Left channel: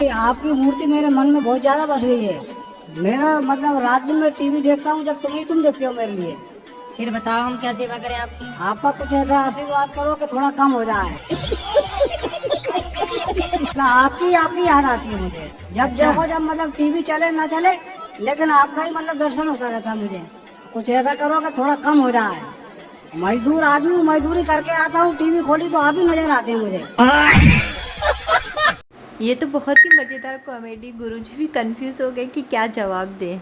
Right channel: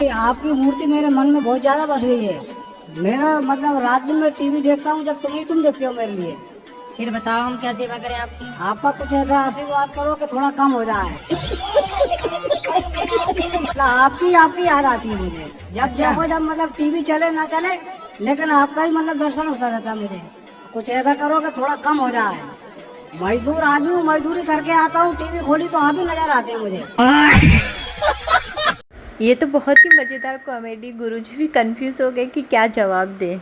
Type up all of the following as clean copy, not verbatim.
आपकी मूर्ति मेरे मन में बहुत ज्यादा बस गई है। मेरा मतलब रात दिन में टीवी देखता हूँ, जब तुम देखते हो मेरे लिए। फिर बताओ हम क्या सेवा करें आपकी। आपका कुछ ऐसा आशीर्वाद करो कि थोड़ा कम हो जाए। आपकी याद आती है मुझे जब जब मतलब टीवी चले ना चले, लेकिन आपका ही मतलब दर्शन होता रहता है मुझे। कुछ ऐसा करो कि थोड़ा कम हो जाए। मजदूर आदमी, मजदूरी करके आता हूँ, टीवी खोली तो आप ही नजर आते हैं मुझे। ये तो बहुत ही मजेदार कॉमेडी। गुरुजी भी कंफ्यूज हो गए कि क्या जवाब दें।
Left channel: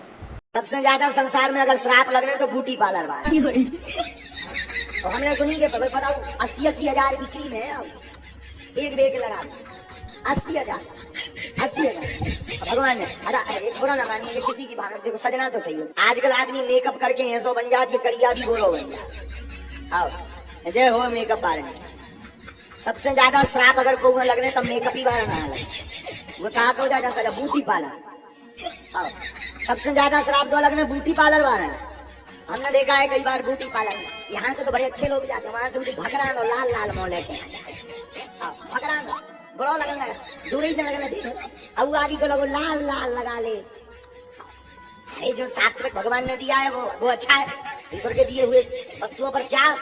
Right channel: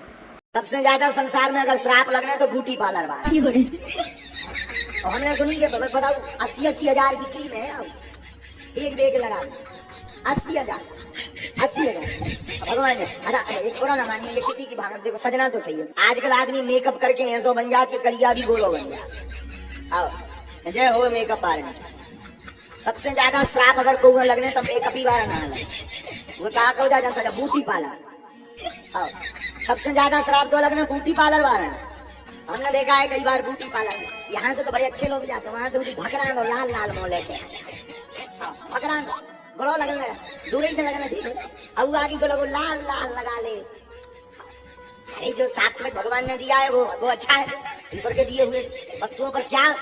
सबसे ज्यादा संसार में अगर श्राप लगने तो ब्यूटी पार्लर वाला। और हमने सुनी के बताओ 80 हजार की क्रीम है, एक बेग लगा 80 हजार भगवान ने। एक थोड़ा ना मानिए, किसी की भावना देखो, सजना तो चाहिए। आजकल आदमी मेकअप करके ऐसो बन जाती है, करिया भी बोलो बन जा। आओ जय हो मेकअप बारे में। सबसे ज्यादा श्राप अगर कोई लगने तो मेकअप ही बारे में वो कहा को जाता ब्यूटी पार्लर। सबसे ज्यादा श्राप दो लगने ब्यूटी पार्लर वाले। हमने देखा है कई बार ब्यूटी पार्लर में, यहाँ से तो बड़े अच्छे लोग जाते हैं, वहां से उनकी भकरा दो लाल लाल मोह लेके भकरा दो बड़ो लगने लगा, दूरी से लगने ठीक है। अब आगे को लोग लाल लाल लगा ले। अरे जो शास्त्र में भगवान ने दिया है वो अच्छा है। ईश्वर के दिए हुए वस्तुओं पर क्या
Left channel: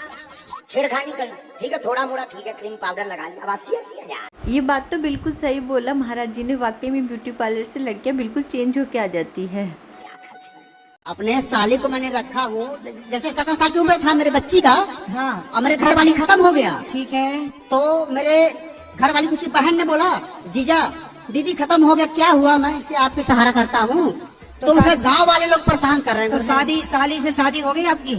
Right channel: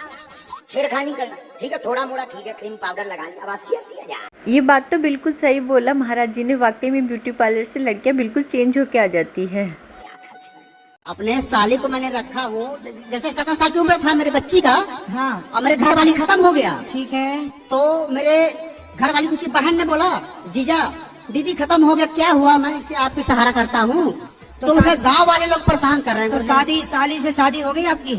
छेड़खानी करना। ठीक है, थोड़ा मोड़ा ठीक है, क्रीम पाउडर लगा लिया। अब 80 हजार। ये बात तो बिल्कुल सही बोला महाराज जी ने। वाकई में ब्यूटी पार्लर से लड़कियां बिल्कुल चेंज होके आ जाती है। अपने साली को मैंने रखा, वो जैसे 17 साल की उम्र था मेरे बच्ची का। हाँ। और मेरे घर वाली खत्म हो गया। ठीक है। तो मेरे घर वाली उसकी बहन ने बोला, जीजा दीदी खत्म हो गया, क्या हुआ, मैं इसके आपकी सहारा करता हूँ। तो उसे गांव वाले लोग परेशान कर रहे हैं। तो साली से शादी हो गई आपकी?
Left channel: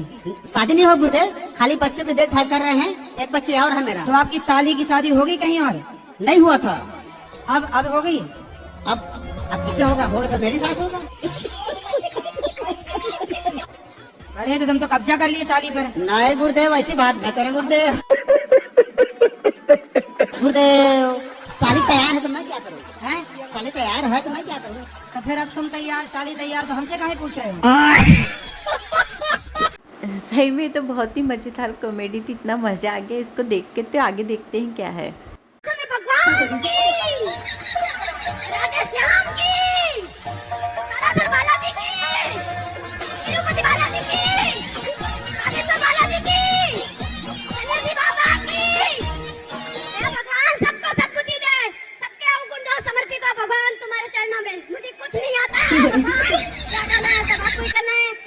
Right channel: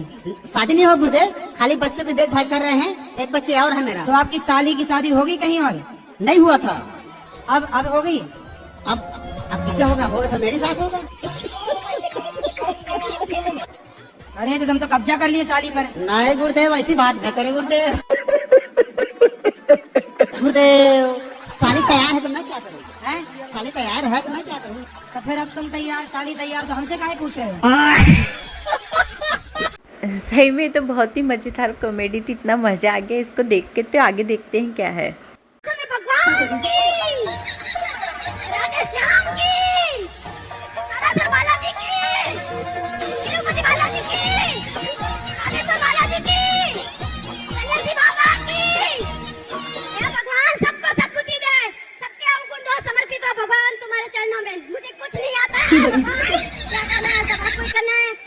शादी नहीं हो गुरुदेव, खाली बच्चों की देखभाल कर रहे हैं। एक बच्चे और है मेरा। तो आपकी साली की शादी हो गई कहीं और? नहीं हुआ था। अब हो गई। अब किससे होगा तो मेरे साथ होगा। अरे तो तुम तो कब्जा कर लिए साली पर। नहीं गुरुदेव, ऐसी बात न करें गुरुदेव। गुरुदेव साली तैयार है तो मैं क्या करूँ? साली तैयार है तो मैं क्या करूँ? तो फिर अब तुम तैयार, साली तैयार, तो हमसे काहे पूछ रहे हो? सही में तो बहुत ही मजेदार कॉमेडी थी। इतना मजा आ गया इसको देख के। तो आगे देखते हैं क्या है।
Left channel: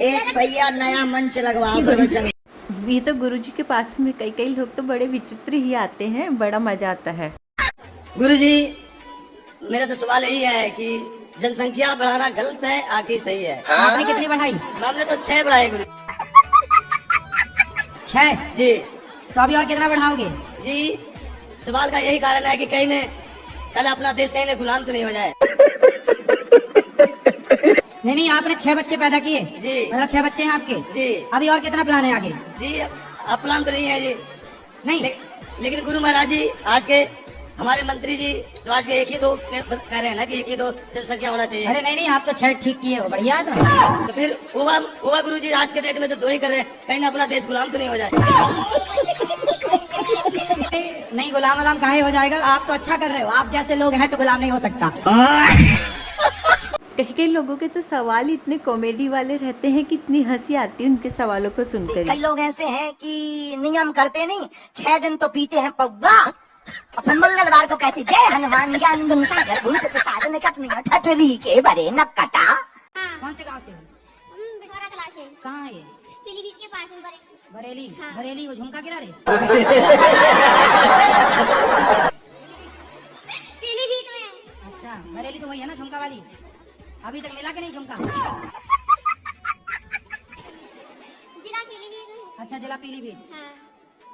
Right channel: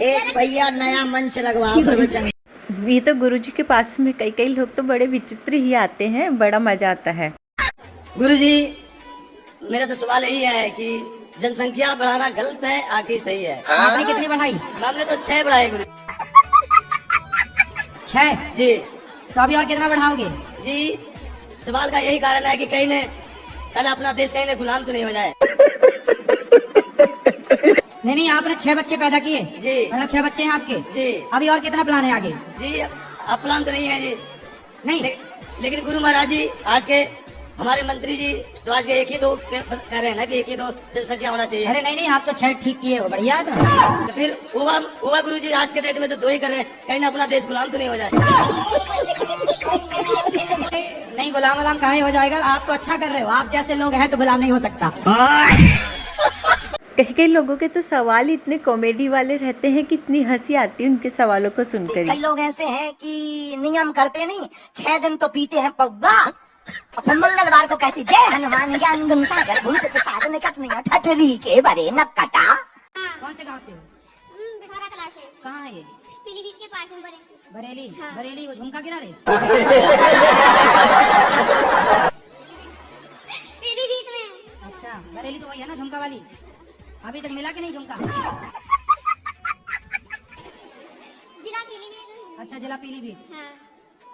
एक भैया नया मंच लगवाओ प्रवचन। ये तो गुरुजी के पास में कई लोग तो बड़े विचित्र ही आते हैं, बड़ा मजा आता है। गुरुजी मेरा तो सवाल यही है कि जनसंख्या बढ़ाना गलत है आखिर सही है? आपने कितनी बढ़ाई? हमने तो 6 बढ़ाए गुरु। 6 जी। तो अभी और कितना बढ़ाओगे? जी सवाल का यही कारण है कि कहीं ने कल अपना देश कहीं ने गुलाम तो नहीं हो जाए। नहीं, आपने 6 बच्चे पैदा किए जी। मतलब 6 बच्चे हैं आपके जी। अभी और कितना प्लान है आगे? जी अब प्लान तो नहीं है जी। नहीं लेकिन गुरु महाराज जी आज के हमारे मंत्री जी तो आज के 1 ही 2 कह रहे हैं ना कि 1 ही 2 जनसंख्या होना चाहिए। अरे नहीं, आप तो 6 ठीक किए हो, बढ़िया था। तो फिर हुआ गुरु जी आज के डेट में तो 2 ही कर रहे हैं, कहीं ना अपना देश गुलाम तो नहीं हो जाए। नहीं, गुलाम काहे हो जाएगा? आप तो अच्छा कर रहे हो। आप जैसे लोग हैं तो गुलाम नहीं हो सकता। कई लोगों के तो सवाल इतने कॉमेडी वाले रहते हैं कि इतनी हंसी आती है उनके सवालों को सुनकर। कई लोग ऐसे हैं कि नियम करते नहीं, 6 दिन तो पीते हैं पौवा, और फिर मंगलवार को कहते जय हनुमान ज्ञान गुण सागर भूत प्रसाद निकट नहीं ठठरी के बरे न कटा। कौन से गांव से हो? कहाँ है ये? पीलीभीत के पास में बरेली। बरेली वो झुमका गिरा रहे? पीलीभीत में। अच्छा, बरेली तो वही है ना झुमका वाली? अभी तक मिला कि नहीं झुमका? जिला पीलीभीत। अच्छा, जिला पीलीभीत। हाँ।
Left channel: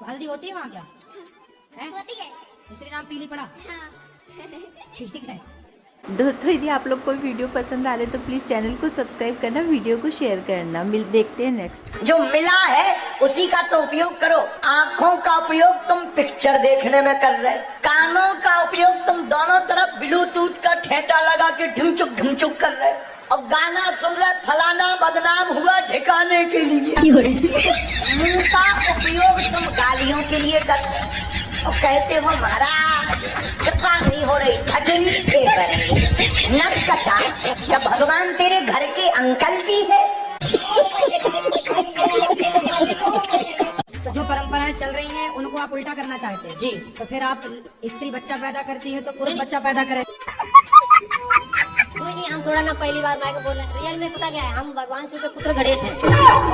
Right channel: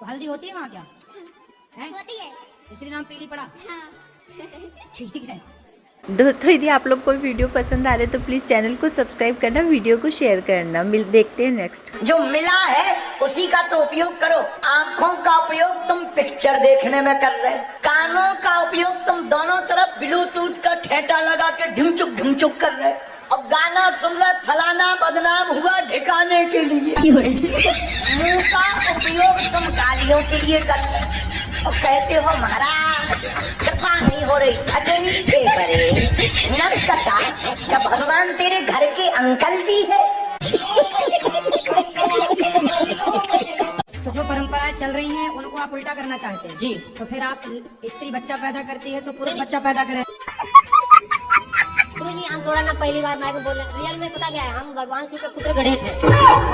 तो हल्दी होती है वहाँ क्या? है? होती है। इसलिए नाम पीली पड़ा? हाँ। ठीक है। दोस्तों यदि आप लोग को वीडियो पसंद आ रहे तो प्लीज चैनल को सब्सक्राइब करना, वीडियो को शेयर करना। देखते हैं नेक्स्ट। जो मिला है उसी का तो उपयोग करो। आँखों का उपयोग तुम पिक्चर देखने में कर रहे, कानों का उपयोग तुम दोनों तरफ ब्लूटूथ का ठेटा लगा के ढुमचुक कर रहे, और गाना सुन रहे फलाना बदनाम हुआ ठिकाने के लिए। मुंह का उपयोग तुम गालियों के लिए कर रहे और कहते हो महाराज कृपा नहीं हो रही ठटनी के परे। भैंस का टाइम, क्या भगवान तेरे घर के अंकल जी है? तो जो परंपराएं चल रही हैं उनको आप उल्टा करना चाहते हैं जी। तो फिर आप स्त्री बच्चा पैदा करती है तो पुरुष बच्चा पैदा करें। कोई नहीं, हम थोड़ा ना पहली बार मैं बोल रहे हैं। रियल में पता क्या है, हम भगवान शिव के पुत्र गणेश हैं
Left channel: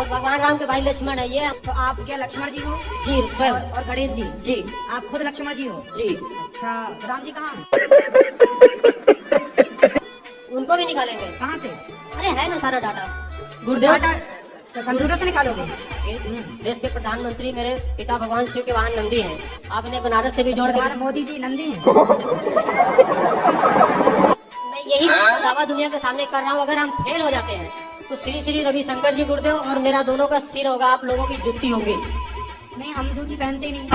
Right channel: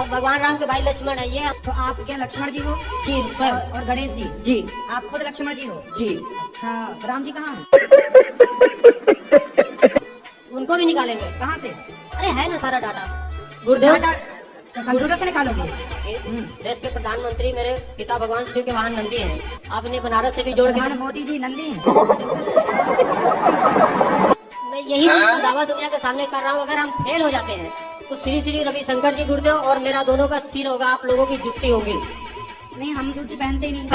और भगवान राम के भाई लक्ष्मण है। ये तो आप क्या लक्ष्मण जी हो? जी सर। और गणेश जी? जी आप खुद लक्ष्मण जी हो? जी। अच्छा, राम जी कहाँ हैं? उनको भी निकालेंगे। कहाँ से? अरे है ना सारा डाटा। गुरुदेव डाटा तो कंप्यूटर से निकालोगे? देश के प्रधानमंत्री मेरे पिता भगवान शिव के वाहन नंदी हैं। आपने बनारस से भी जोड़ के प्रधान मोदी जी नंदी हैं। मैं यही चीज का दावा दुनिया के सामने कर रहा हूँ। अगर हम फेल हो जाते हैं तो श्री श्री रविशंकर जी गुरुदेव और मेरा दोनों का सिर होगा, आप लोगों की जुत्ती होगी। नहीं, हम जूती पहनते ही नहीं।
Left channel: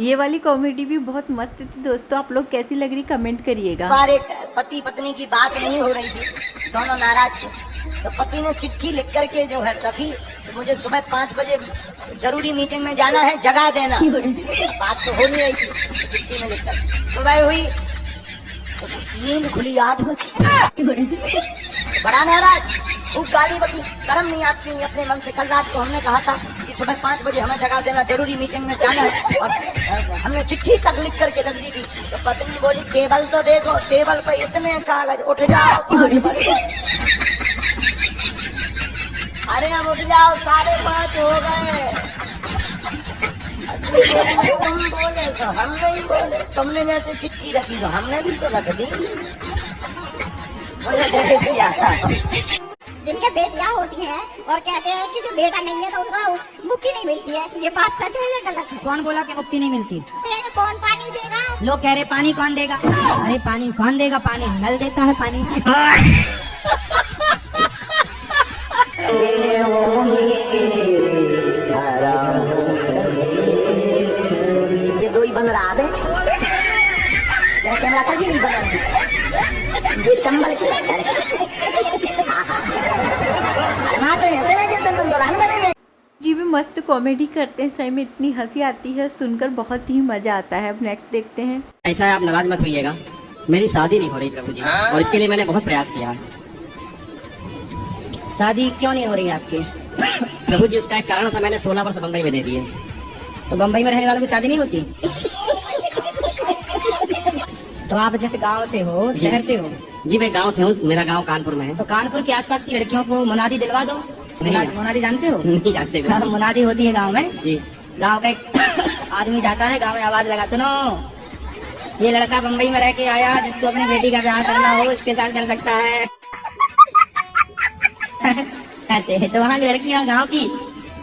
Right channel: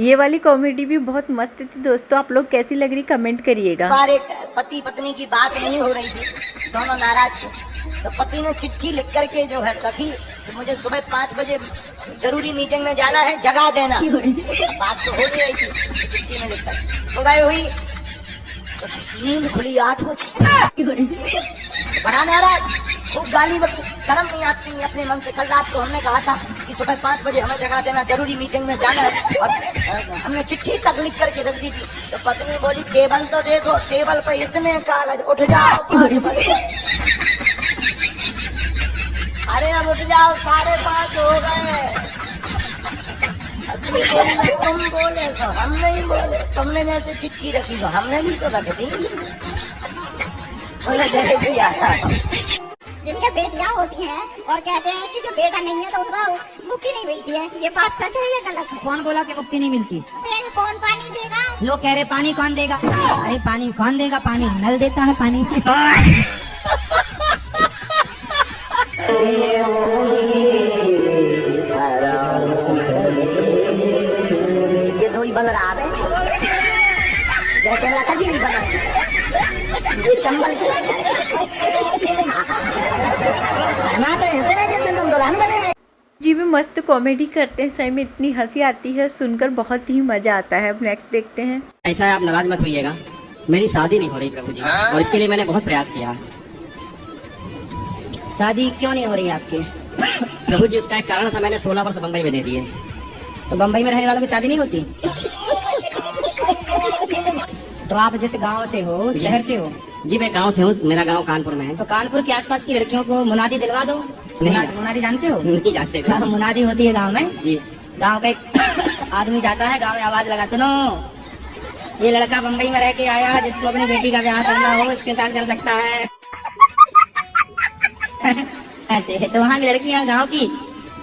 ये वाली कॉमेडी भी बहुत मस्त थी दोस्तों, आप लोग कैसी लग रही कमेंट करिएगा। बार एक पति पत्नी की बात नहीं हो रही थी, दोनों नाराज थे, तो पति ने चिट्ठी लिख करके जो है रखी कि मुझे सुबह 5 बजे जरूरी मीटिंग में जाना है, जगा देना। बात तो हो नहीं रही थी, चिट्ठी में लिखकर सुबह हुई तो नींद खुली 8 बजे। बड़ा नाराज, खूब गाली बकी, शर्म नहीं आती अपने मन से। कल रात को हमने कहा था कि सुबह 5 बजे हमें जगा देना, जरूरी मीटिंग में जाना है, और हमने चिट्ठी तक लिख करके रख दी थी। तो पत्नी बोली टेबल तो दे दो, टेबल पे इतने कागज, उठ जाओ 5 बजे। अरे अब उठ जाओ, 5:30 हो गए। तुम बोले तो हम नहीं बोले, तुमने जैसे चिट्ठी रखी तो हमने भी तो रख दी। जिनके बेटियां होती हैं और कहते हैं कि जो बेटा नहीं है तो उसको मुक्ति नहीं मिलती है, ये बात सच है या गलत है? कौन बोला कि मुक्ति नहीं मिलती? तो कौन पानी देगा? लोग कह रहे पानी कौन देगा? अरे पानी कौन देगा? पानी नल देता है पानी। ये दो ही बन रहा है, जैसे माता जी नहीं बना, ये चंबल के जी भी मस्त कॉमेडी करते हैं, सही में इतनी हंसी आती है, सुनकर बहुत ही मजा आता है। अब नेक्स्ट देखते हैं। ऐसा है, आप नाराज मत होइएगा, मेरी शादी नहीं हो रही प्रभु जी, और इसके लिए मैंने बहुत प्रयास किया। शादी क्यों नहीं हो रही है आपकी? प्रभु जी उसका एक कारण था, मैंने 16 वर्ष बम्बई में दे दिए। तो बम्बई में रहने वालों की शादी नहीं होती? तो आप जैसे गांव से हो, शहर से हो? जी मैं गांव से हूँ, मेरा गांव कानपुर में है। तो कानपुर के आसपास की लड़कियों को मुनादी दिलवा दो। मुनादी जानते हो? नहीं जानते। हाँ, मुनादी होती है गांव में। जी। गांव का एक आदमी जाता है, गांव में आवाज लगा, सुनो ये लड़का बम्बई में रह के आया, जिसको अपनी बेटी का ब्याह करना हो इसके साथ कर सकता है। ऐसे तो वहाँ की लड़कियाँ गांव की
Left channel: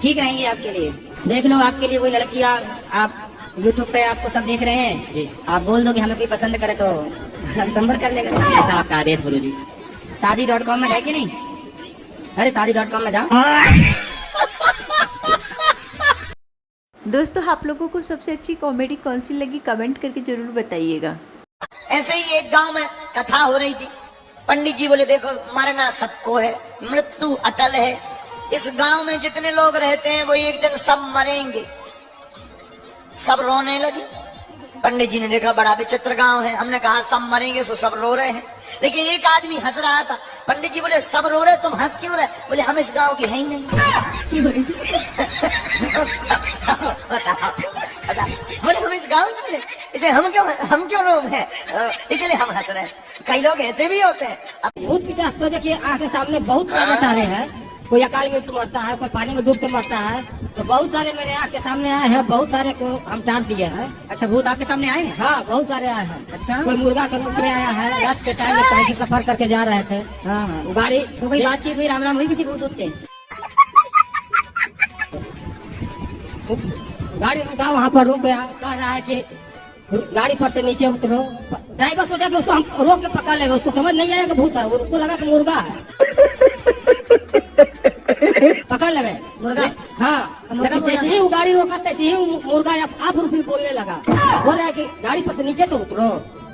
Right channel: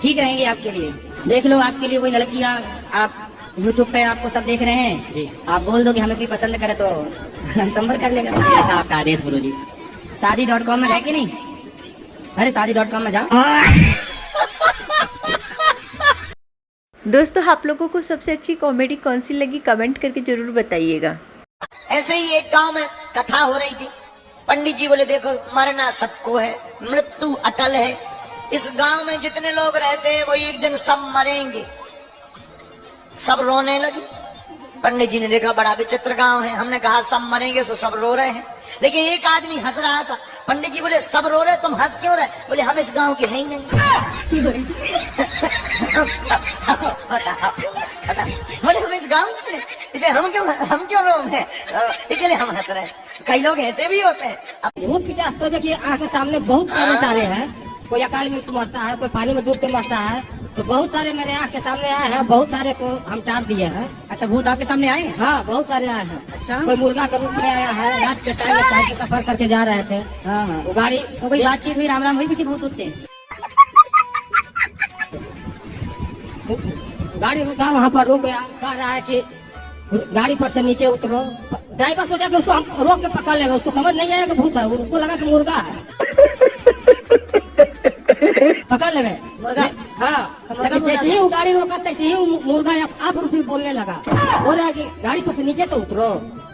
ठीक रहेंगी आपके लिए। देख लो, आपके लिए कोई लड़कियाँ, आप YouTube पे आपको सब देख रहे हैं जी। आप बोल दो कि हमें कोई पसंद करे तो संपर्क कर लेगा। ऐसा आपका आदेश गुरु जी। शादी.com में है कि नहीं? अरे शादी.com में जाओ। दोस्तों आप लोगों को सबसे अच्छी कॉमेडी कौन सी लगी कमेंट करके जरूर बताइएगा। ऐसे ही एक गांव में कथा हो रही थी। पंडित जी बोले देखो मरना सबको है, मृत्यु अटल है, इस गांव में जितने लोग रहते हैं वो एक दिन सब मरेंगे। सब रोने लगे। पंडित जी ने देखा बड़ा विचित्र गांव है, हमने कहा सब मरेंगे सो सब रो रहे हैं, लेकिन एक आदमी हंस रहा था। पंडित जी बोले सब रो रहे तुम हंस क्यों रहे? बोले हम इस गांव के हैं ही नहीं। बताओ बोले हम इस गांव के हैं, इसलिए हम क्यों रो रहे हैं, इसलिए हम हंस रहे हैं। कई लोग ऐसे भी होते हैं। भूत पिचास तो देखिए आंख के सामने बहुत मचा रहे हैं। कोई अकाल मृत्यु मरता है, कोई पानी में डूब के मरता है, तो बहुत सारे मेरे आंख के सामने आए हैं, बहुत सारे को हम टाप दिए हैं। अच्छा, भूत आपके सामने आए हैं? हाँ, बहुत सारे आए हैं। अच्छा, कोई मुर्गा के रूप में आया है, रात के टाइम में कहीं से सफर करके जा रहे थे। हाँ, वो गाड़ी तो कोई बातचीत हुई, राम राम हुई किसी भूत से? गाड़ी रुका, वहाँ पर रुक गया, कह रहा है कि गाड़ी पर से नीचे उतरो। ड्राइवर सोचा कि उसको हम रोक के पकड़ लेंगे, उसको समझ नहीं आया कि भूत है, उसको लगा कि मुर्गा है। पकड़ ले मुर्गा। हाँ, लेकिन जैसे ही वो गाड़ी रोका तैसे ही मुर्गा आप रूपी बोलने लगा। बोल रहा है कि गाड़ी पर से नीचे तो उतरो,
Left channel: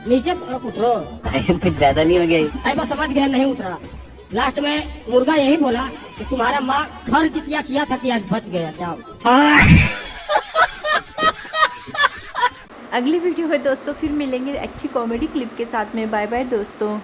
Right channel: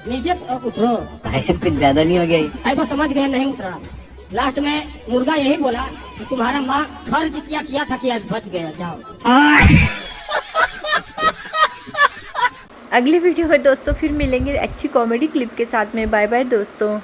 नीचे तो उतरो। ऐसा कुछ ज्यादा नहीं हो गया? ड्राइवर समझ गया, नहीं उतरा। लास्ट में मुर्गा यही बोला कि तुम्हारा माँ घर जितिया किया था कि आज बच गया, जाओ। अगली वीडियो में दोस्तों फिर मिलेंगे अच्छी कॉमेडी क्लिप के साथ में। बाय बाय दोस्तों।